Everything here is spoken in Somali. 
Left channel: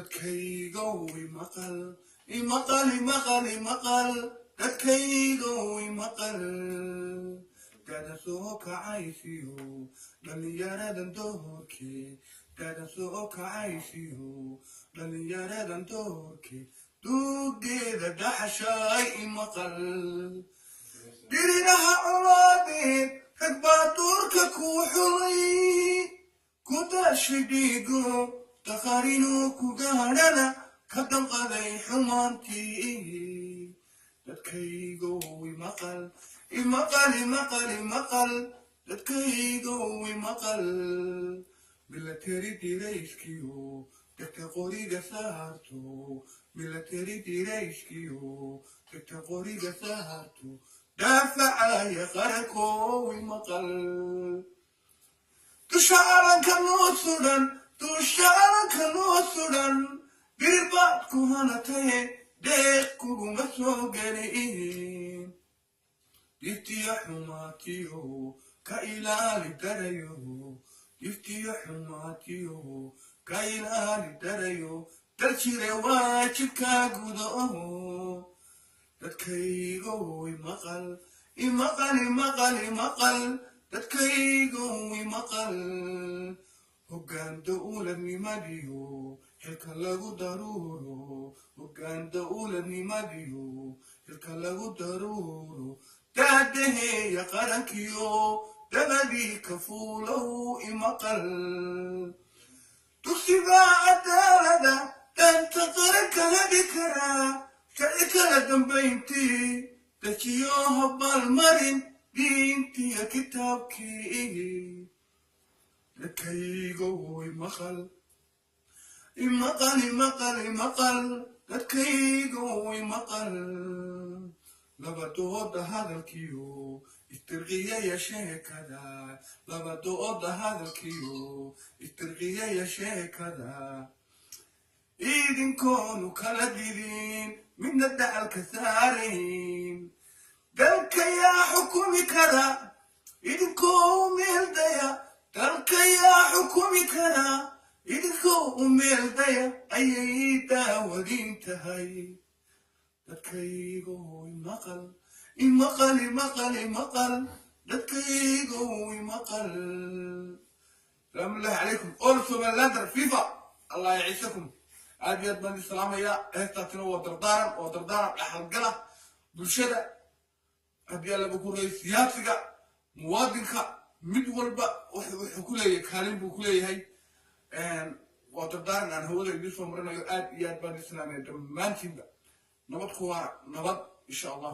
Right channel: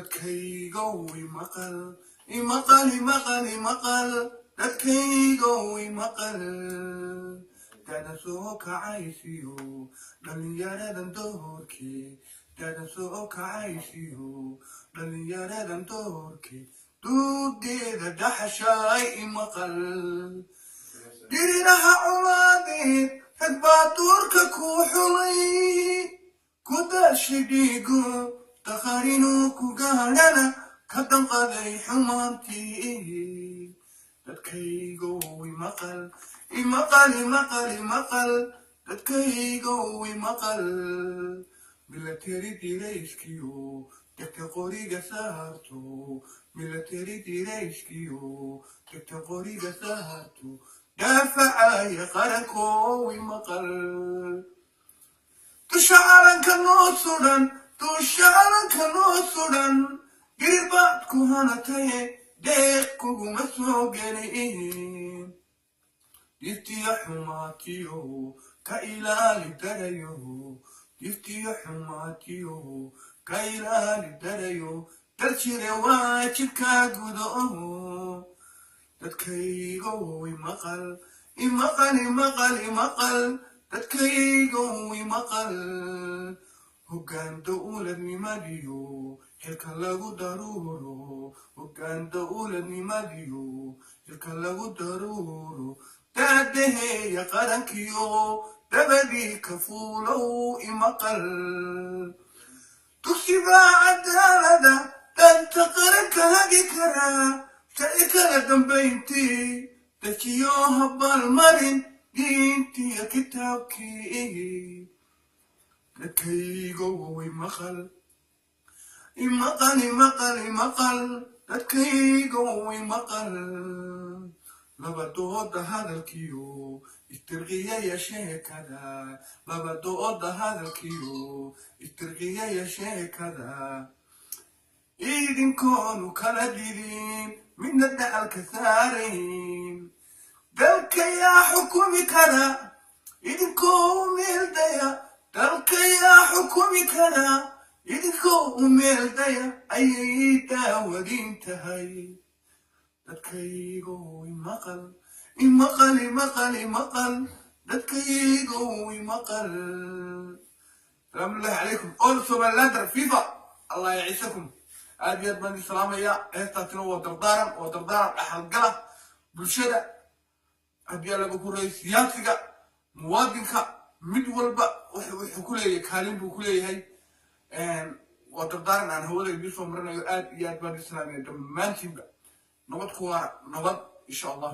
dadkaygow imaqal imaqal imaqal imaqal dadkaygow imaqal dada soo kacaysiyo dhalinyaradan doorkii dada soo kacaysiyo dhalinyaradan doorkii duudeeda dhaxashaay imaqal dhiriraha culaadeen rag baa duurka ku xulay kudashi dhiigo taqarinuu ku gaadhana ka danqaday xumaantii dadkaygow imaqal imaqal imaqal imaqal dadkaygow imaqal milateri dirayskiyo dhigta qoriga saarto milateri dirayskiyo dhigta qoriga saarto daafacaya qarankow imaqal dushacalanka noo sudan dushacalanka noo sudan dhibaad ku hanatae deeq kuguma soo gelin diftiya xumaatiyo ka ilaali darayo diftiya xumaatiyo ka ilaali darayo daljire waajibkaa gudo dadkaygow imaqal imaqal imaqal imaqal dadkaygow imaqal hoggaan dowladnimadiyo xilka lagu daruuro hoggaan dowladnimadiyo xilka lagu daruuro daadaheeya qarankiyo dabadii ka fuulow imaqal dugsiga cadaalada danta qaranka hagi karaa sharci kala dambayntii dajiyo habaalmarin diintiya kitaabkii dadkaygow imaqal imaqal imaqal imaqal dadkaygow imaqal labadooda hadalkiyo istirqiyaya sheekada labadooda hadalkiyo istirqiyaya sheekada idinkoonu kala dilin midna dacalka saarayn dalka yaa xukumi kara idinkoo meeldaya dalka yaa xukumi kara idinkoo meeldaya ayay daawadin tahay dadkaygow imaqal imaqal imaqal imaqal dadkaygow imaqal salaamu allahi calaykum qoor somaliland rafiiqa allah yaciisakum aad iyo aad baan idin salaamaya dheertaasina waa dardaaran dhaxalgala bulshada haddii laga kureeyo siyaasiga muwaadinka mid walba wuxuu ku leeyahay kaalin buu ku leeyahay waa dardaaran aan hawada idiin soo marinayo aad iyo aad baan idin salaamaya dhammaantiinba nabad ku waara nabad insha allah